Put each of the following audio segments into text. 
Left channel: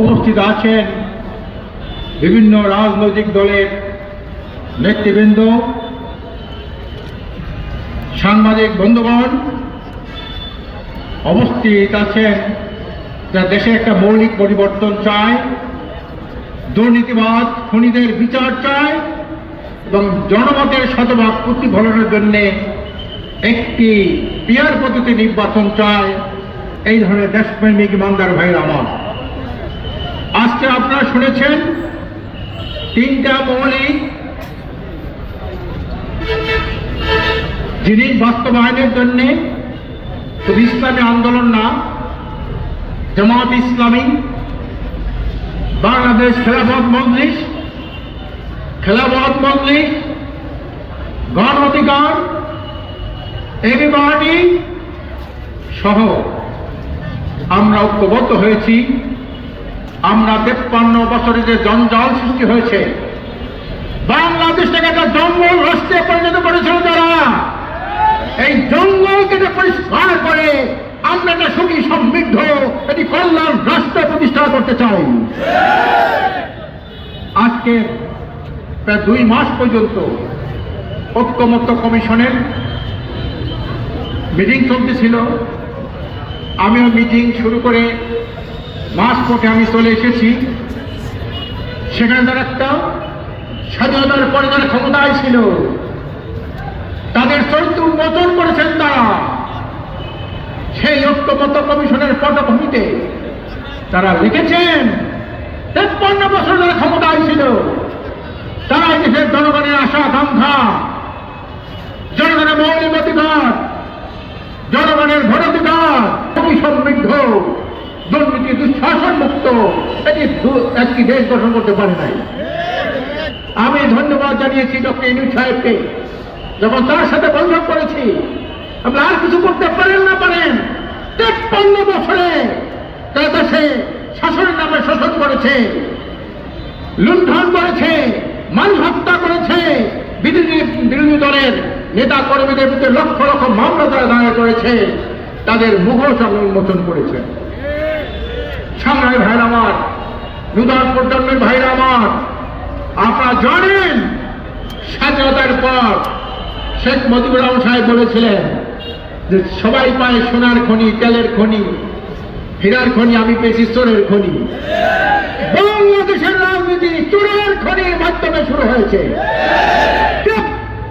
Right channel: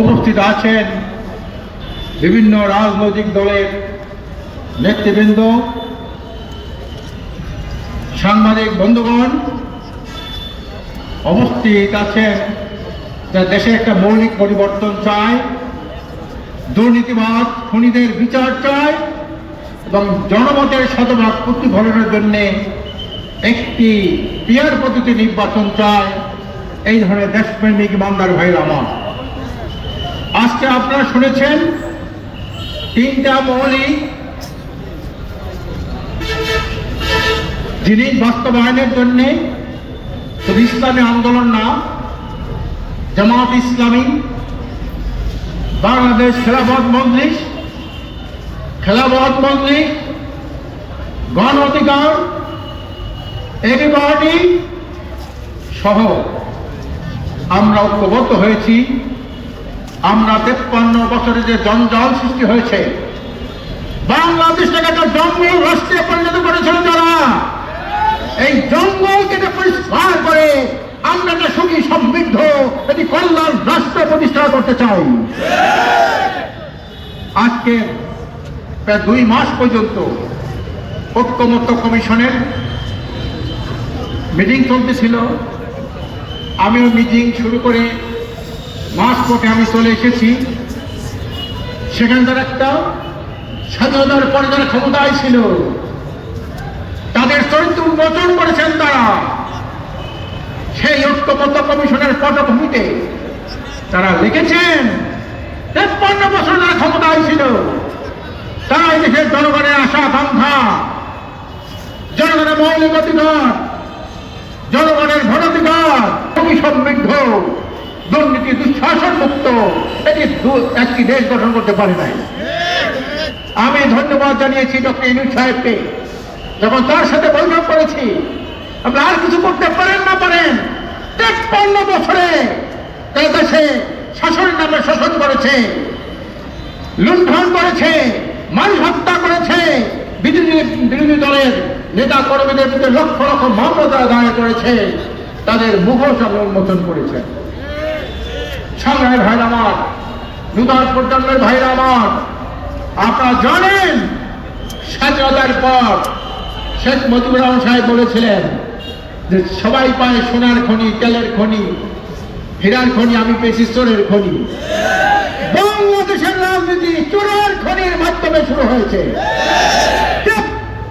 উপস্থিত আছেন বিভিন্ন রাজনৈতিক দলের নেতৃবৃন্দ, সাংবাদিক বন্ধুগণ, উপস্থিত আছেন যা দেশে একটা মৌলিক পরিবর্তন চায়, দুর্নীতিবাদ, খুনিদের বিচার চায় এবং জনমতের শতভাগ প্রতিফলনের জন্য একটি পিয়ার পদ্ধতি নির্বাচন চায়। এই ধরনের দেশপ্রেমিক ইমানদার ভাইয়ের আমার। আজকে আপনারা শুনেছেন তিনটা মৌলিক যিনি বাস্তবায়নের জন্য শুধু ইসলামী আন্দোলন না, জামাত ইসলামী, বাংলাদেশ খেলাফত মজলিস খেলাফত মজলিস গণ অধিকার এবিবাডি সহ আমরা ঐক্যবদ্ধ হয়েছি। আমরা তেপ্পান্ন বছরে যে জঞ্জাল সৃষ্টি হয়েছে বাংলাদেশটাকে একটা জঙ্গল রাষ্ট্রে পরিণত করেছেন যারা। এই জঙ্গলকে পরিষ্কার করে আমরা একটা সুখী সমৃদ্ধ এটি কল্যাণ রাষ্ট্র প্রতিষ্ঠা করতে চাই। আজকে প্রায় দুই মাস পর্যন্ত ঐক্যমত্য কমিশনের মিটিং চলতেছিল। আমিও মিটিং শুরু করে মাস পথে আমি চলে এসেছি। সেখানে তারা একটা স্বাধীনতার পরে যারা ক্ষমতায় ছিল। তাদের চরিত্র উন্মোচন করেছেন তারা। সেই ঐক্যমত্য কমিশনের পটভূমিতে তারা লিখেছেন, তেপ্পান্ন বছর ধরে ক্ষমতায় ছিল। তাই দেশের জনগণের আশা আকাঙ্ক্ষা জনগণের মৌলিক অধিকার, জনগণের ভোটাধিকার সমৃদ্ধ দুর্নীতি, দুঃশাসন মুক্ত। এটি একটি দেশ গঠন করতে পারে নাই। আমি ধন্যবাদ জানিয়েছি ডক্টর ইনুজ সাহেবকে। যখন তার সাথে বৈঠক করেছি আপনি আর কিছু করতে পারেন না পারেন। তেপ্পান্ন বছরে তার দেশে শাসনের নামে শাসন করেছে, লুণ্ঠন করেছে মানুষ হত্যা করেছে। বিরোধী বিরোধী দলের নেতা কর্মীদের বিরুদ্ধে লক্ষ লক্ষ মামলা তারা দায়ের করেছে, তাদের মুখোশ উন্মোচন করেছে। সামনের ভাই আমার নূতন প্রজন্মের ভাই আমার। আপনারা জানেন, স্বাধীনতার পর শেখ মুজিবুর রহমান সাহেব বলেছিলেন যে সবাই পায় সোনার খনি, তেলের খনি, হীরার খনি, আমি পেয়েছি সোনের খনি। বাংলাদেশের রাজনীতি চোরের খনির মাধ্যমে শুরু হয়েছে।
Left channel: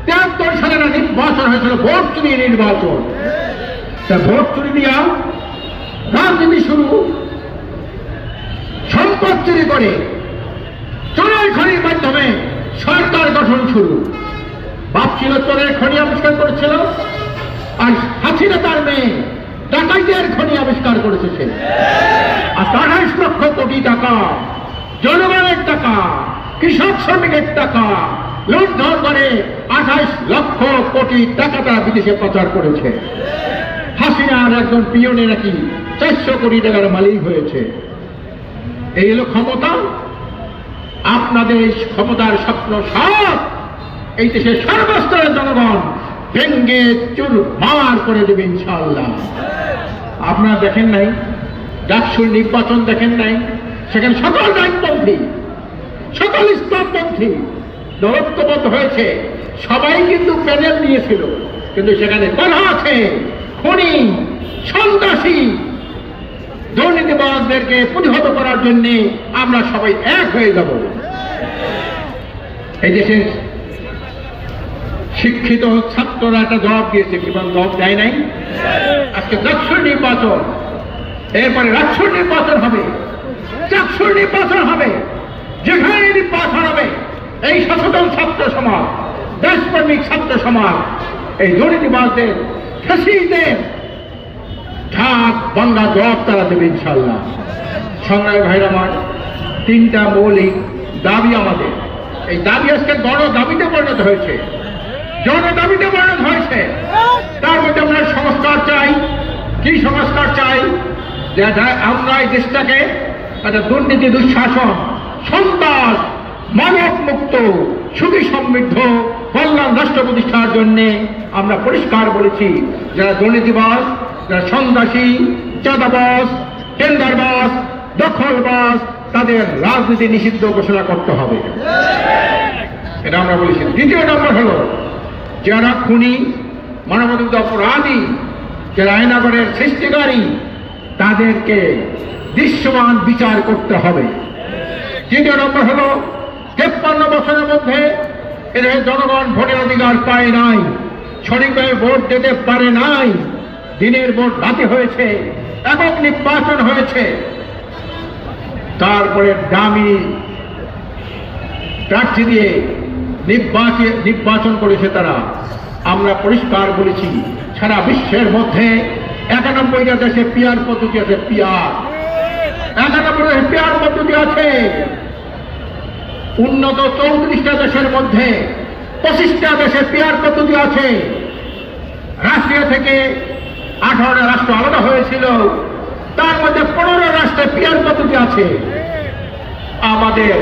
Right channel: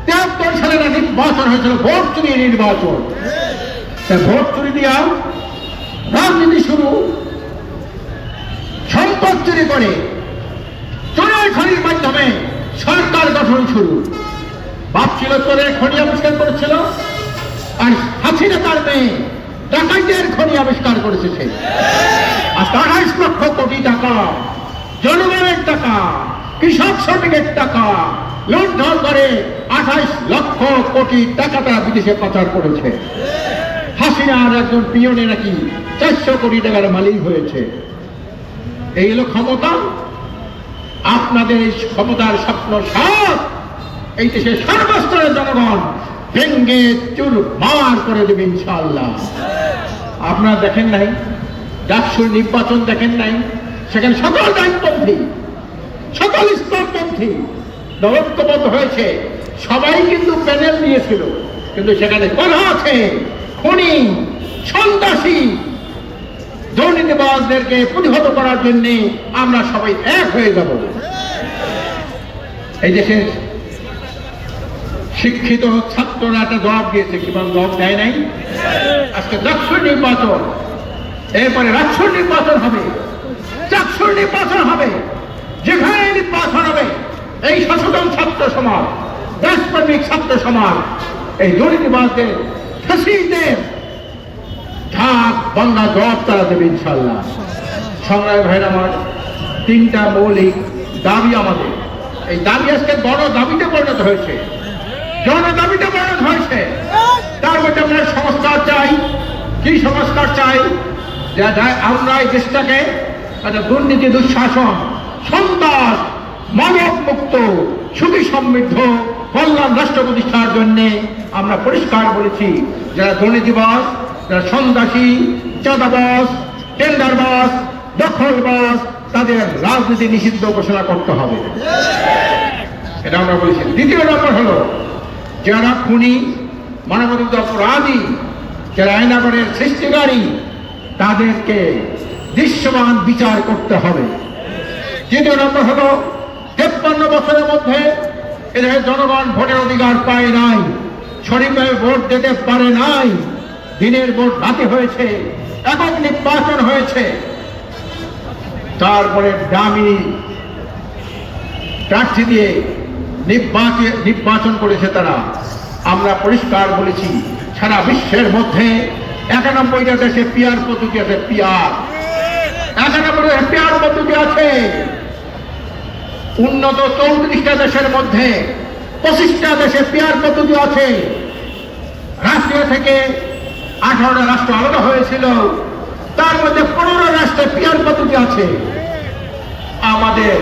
তেহাত্তর সালে নির্বাচন হয়েছিল, ভোট চুরি নির্বাচন। ভোট চুরি দিয়া রাজনীতি শুরু চুরি করে। চোরের খনির মাধ্যমে সরকার গঠন শুরু। ভাবছিল চোরের খনি আবিষ্কার করেছিল, আর হাসিনা তার মেয়ে খনি আবিষ্কার করেছে আর আঠাশ লক্ষ কোটি টাকা, জনগণের টাকা, কৃষক শ্রমিকের টাকা লুণ্ঠন করে আঠাইশ লক্ষ কোটি টাকাটা বিদেশে পাচার করেছে। হাসিনার একজন পিয়নে নাকি চারশো কোটি টাকার মালিক হয়েছে। এই হলো ক্ষমতা। আপনাদের এই ক্ষমতার স্বপ্ন সব এই দেশের সর্বস্তরের জনগণ ভেঙ্গে চুর মার করে দেবে ইনশাআল্লাহ। আপনারা দেখেন নাই ডাকসুর নির্বাচন দেখেন নাই, সেখানে সকল দায়িত্বপন্থী, সকল স্তরপন্থী দলত্ববদ্ধ হয়েছে। সবাই কিন্তু প্যানেল নিয়েছিল, কিন্তু সেখানে তারা আছে। খুনি, সন্ত্রাসী দুর্নীতিবাজদেরকে প্রতিহত করার জন্য আমরা সবাই এক হয়ে যাব। এই দেশের শিক্ষিত ছাত্ররা একটা জবাব দিয়েছে এবং জবাব দেয় নাই। আজকে দক্ষিণ নির্বাচন, এরপরে রাষ্ট্র নির্বাচন হবে। চাকসুর নির্বাচন হবে যেখানে নির্বাচন হবে, এই সচেতন ছাত্র সমাজ, দেশপ্রেমিক ছাত্র সমাজ, এই দুর্নীতিবাজদের, ফেসিদের ঢাক বাংলা জবাব তারা দেবে ইনশাল্লাহ সংগ্রাম ভাইরা আমার, তিনটা মৌলিক দাবি আমাদের। এই দাবি আজকে বড় দাবিতে পরিণত হয়েছে। জন দাবিতে পরিণত হয়েছে। তার মধ্যে আমরা সংস্কার চাই। কি সংস্কার চাই? আমরা এই দেশটাকে একটা দুর্নীতি, দুঃশাসন, সন্ত্রাস, মানব মুক্ত, সুখী সমৃদ্ধ, কল্যাণ রাষ্ট্র প্রতিষ্ঠার জন্য আমরা পরিষ্কার বলেছি, যারা দুর্নীতিবাস সন্ত্রাসী চাঁদাবাস টেন্ডারবাস দখলবাজ, তাদের রাজনীতি নিষিদ্ধ ঘোষণা করতে হবে। এটা আমরা বলেছি। দ্বিতীয় নম্বর হলো, যারা খুনি মানবাধিকার অপরাধী, যারা আয়নাগরের সৃষ্টিকারী, তাদেরকে দৃশ্যমান বিচার করতে হবে। তৃতীয় নম্বর হলো, তেপ্পান্ন বছরের মধ্যে এদের জনগণ ভোটের অধিকার পায় নাই শরীফে ভোট দিতে পারে নাই। দিনের ভোট রাতে হয়েছে একক নির্বাচন হয়েছে। তারপরে দামি প্রার্থী দিয়ে নির্বাচন নির্বাচন করেছে তারা। আমরা পরিষ্কার বলেছি, সারা বিশ্বের মধ্যে একানব্বইটা দেশে পিয়ার পদ্ধতি আছে পিয়ার একানব্বই পিয়ার পদ্ধতি আছে। উন্নত চৌত্রিশটা দেশের মধ্যে পঁচিশটা দেশে পিয়ার পদ্ধতি আছে। রাষ্ট্রীয় থেকে আঠারোটা রাষ্ট্র আলাদা হয়েছিল। তার মধ্যে পনেরো রাষ্ট্রে পিয়ার পদ্ধতি আছে? আমাদের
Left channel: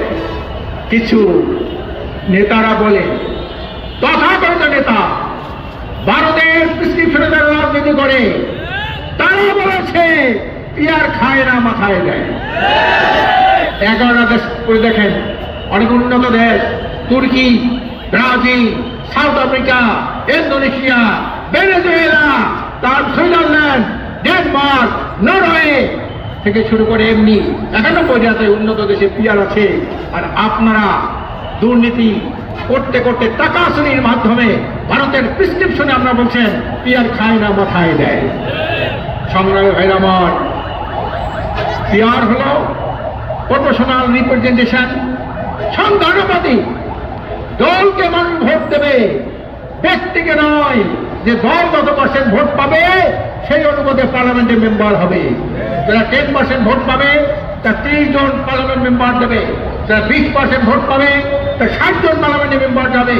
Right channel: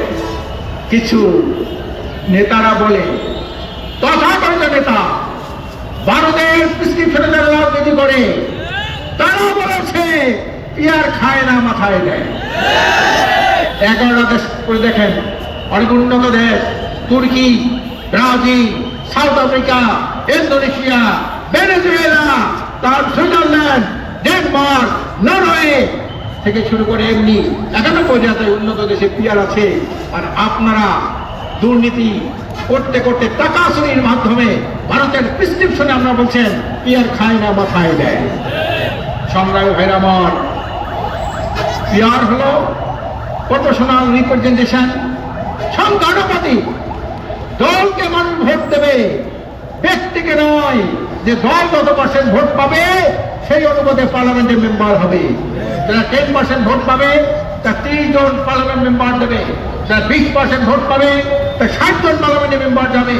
কিছু নেতারা বলে তথাকথিত নেতা, ভারতের প্রেসক্রিপশনের রাজনীতি করে তারা বলেছে, পিয়ার খায় না, মাথায় দেয়। এগারোটা দেশ করে দেখেন, অনেক উন্নত দেশ, Turkey, Brazil, South Africa, Indonesia, Venezuela তার সুইজারল্যান্ড, ডেনমার্ক, নরওয়ে থেকে শুরু করে এমনি একানব্বই জাতীয় উন্নত দেশে পিয়ার আছে। আর আপনারা দুর্নীতি করতে করতে টাকা চুরির মাধ্যমে ভারতের প্রেসক্রিপশনে আমরা বলছেন, পিয়ার খায় না মাথায় দেয়। সংগ্রামী ভাইরা আমার, পিয়ার হলো প্রফেশনাল রিপ্রেজেন্টেশন সংখ্যানুপাতি দলকে মানুষ ভোট দেবে, ব্যক্তিকে নয় যে দল কত পার্সেন্ট ভোট পাবে, সেই অনুপাতে পার্লামেন্টের মেম্বার হবে। যারা টেন পার্সেন্ট ভোট পাবে তা ত্রিশ জন পার্লামেন্ট মেম্বার দেবে যারা বিশ পার্সেন্ট ভোট পাবে তা ষাট জন পার্লামেন্টের মেম্বার যাবে।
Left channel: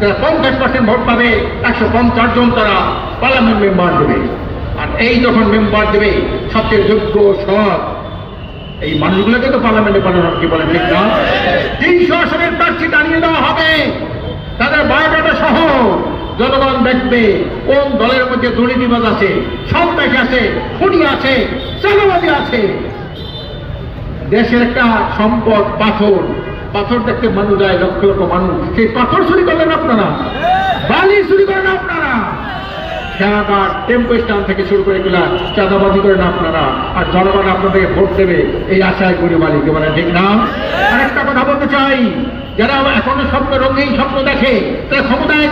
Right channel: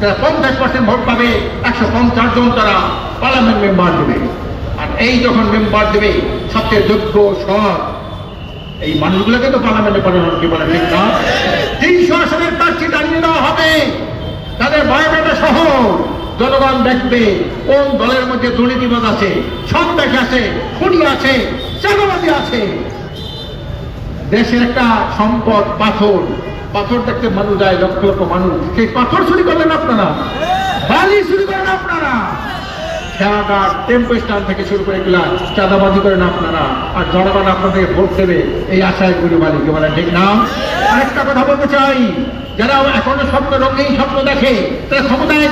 যারা পঞ্চাশ পার্সেন্ট ভোট পাবে, একশো পঞ্চাশ জন তারা পার্লামেন্ট মেম্বার দেবে। আর এই যখন মেম্বার দেবে, সবচেয়ে যোগ্য, সৎ, এই মানুষগুলোকে তো পার্লামেন্টে পাঠানো কি বলে, ঠিক না? তিনশো আসনের প্রার্থী দাঁড়িয়ে দেওয়া হবে। তাদের বায়োডাটা সহ জনগণ দেখবে কোন দলের মধ্যে দুর্নীতিবাদ আছে সন্ত্রাস আছে, খুনি আছে চালাবাদী আছে। দেশের একটা সম্পদ, পাথর। পাথর দেখতে মানুষ যায়, লক্ষ লক্ষ মানুষ। সেই পাথর চুরি করলেন আপনারা? বালি চুরি করেন আপনারা? খেলাঘাট টেম্পো স্ট্যান্ড থেকে শুরু করে এগুলা চাঁদাবাজি করেন আপনারা। আর জনগণ আপনাদেরকে ভোট দেবে, এই আশায় করি মালিক মানে ঠিক না? আরেকটা কথা বলতে চাই, যারা এখনও স্বপ্ন রঙিন স্বপ্ন দেখে, তারা ক্ষমতায়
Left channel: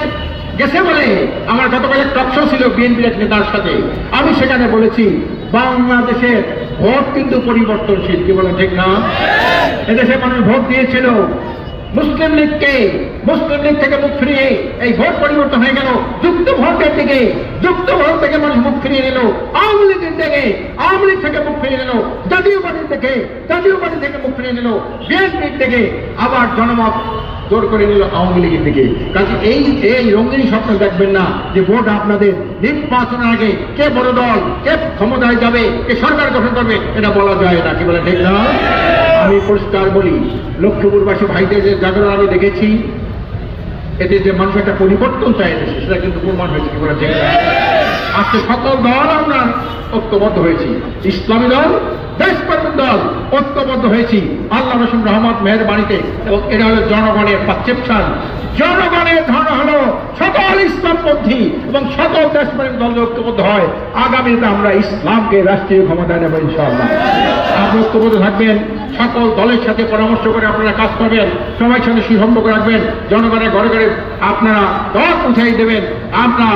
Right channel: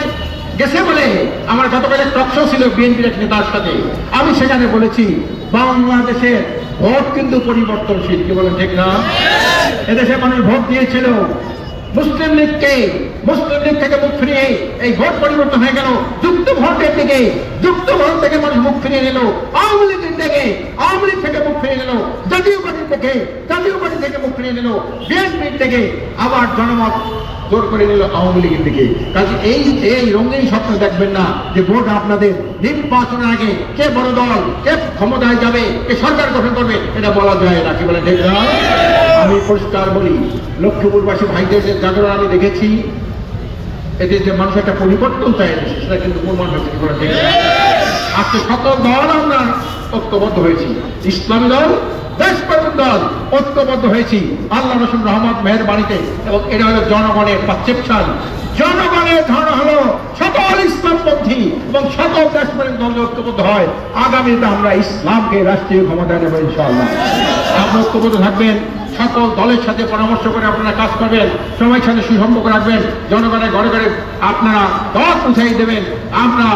গেছে বলে আমার গতকাল টকশো ছিল বিএনপির নেতার সাথে, আমি সেখানে বলেছি, বাংলাদেশের ভোট কিন্তু পরিবর্তনশীল, কি বলে ঠিক না? এদেশে মানুষ ভোট দিয়েছিল। মুসলিম লীগকে মুসলিম লীগ থেকে মুখ ফিরিয়ে এই ভোট পরিবর্তন হয়ে গেল। যুক্ত ভোটের দিকে, যুক্ত ভোট থেকে মানুষ মুখ ফিরিয়ে নিল। আওয়ামী লীগের থেকে আওয়ামী লীগ থেকে মুখ ফিরিয়ে নিল। জাতীয় পার্টির থেকে জাতীয় পার্টি থেকে মুখ ফিরিয়ে নিল। বিএনপির থেকে আবার জনমত জোর করে নিল আওয়ামী লীগের দিকে। কাজে এই এই রঙিন স্বপ্ন দেখবেন না যে ভোট আপনাদের নির্বাচনের আগে কে বড় দল, কে ক্ষমতায় যাবে, কে সরকার গঠন করবে, এটা বলা যায় না। কি বলে ঠিক না? আমি পরিষ্কার বলি, লক্ষ্মীপুরবাসী ভাইদের যে জাগরণ আমি দেখেছি এতে যে মানুষ একটা পরিবর্তন চাই সেটা কিন্তু প্রমাণ হয়েছে, কি বলে আজকে সকল দল আমরা ঐক্যবদ্ধ হয়েছি। ইসলামী দল দেশ দল ঐক্যবদ্ধ হয়েছি। আল্লাহ রসুল রহমত মেহের বাড়িতে এবং এটা হলো জনগণের পারসেপশন জনগণের ধারণা হলো সকল ইসলামপন্থী এবং সকল দেশপ্রেম দল ঐক্যবদ্ধ হয়। আগামীতে আমরা ইসলামকে রাষ্ট্রীয় ক্ষমতা নেব ইনশাআল্লাহ। আপনি ঐক্যবদ্ধ থাকবেন, সকল দলের সাথে পরামর্শ করে আপনারা কাজ করবেন, সবাই সাথে সুসম্পর্ক রাখবেন, জনগণের ঘরে ঘরে আপনারা দল পৌঁছাই দেবেন। আমরা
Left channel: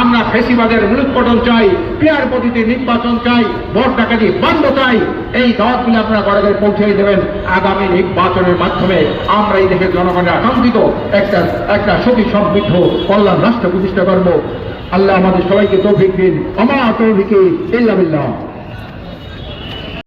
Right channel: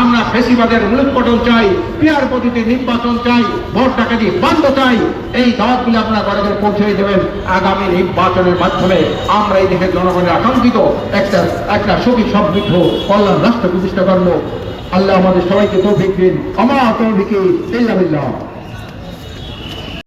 আমরা ফেসিবাদের মূলোৎপাটন চাই, পিয়ার পদ্ধতি নির্বাচন চাই, ভোট ডাকাতি বন্ধ চাই, এই দলগুলি আপনারা ঘরে ঘরে পৌঁছাই দেবেন। আগামী নির্বাচনের মাধ্যমে আমরা এই দেশের জনগণের আকাঙ্ক্ষিত একটা একটা সুখী, সমৃদ্ধ কল্যাণ রাষ্ট্র প্রতিষ্ঠা করব আল্লাহ আমাদের সবাইকে তৌফিক দিন। আমার তৌফিকে ইল্লা বিল্লাহ।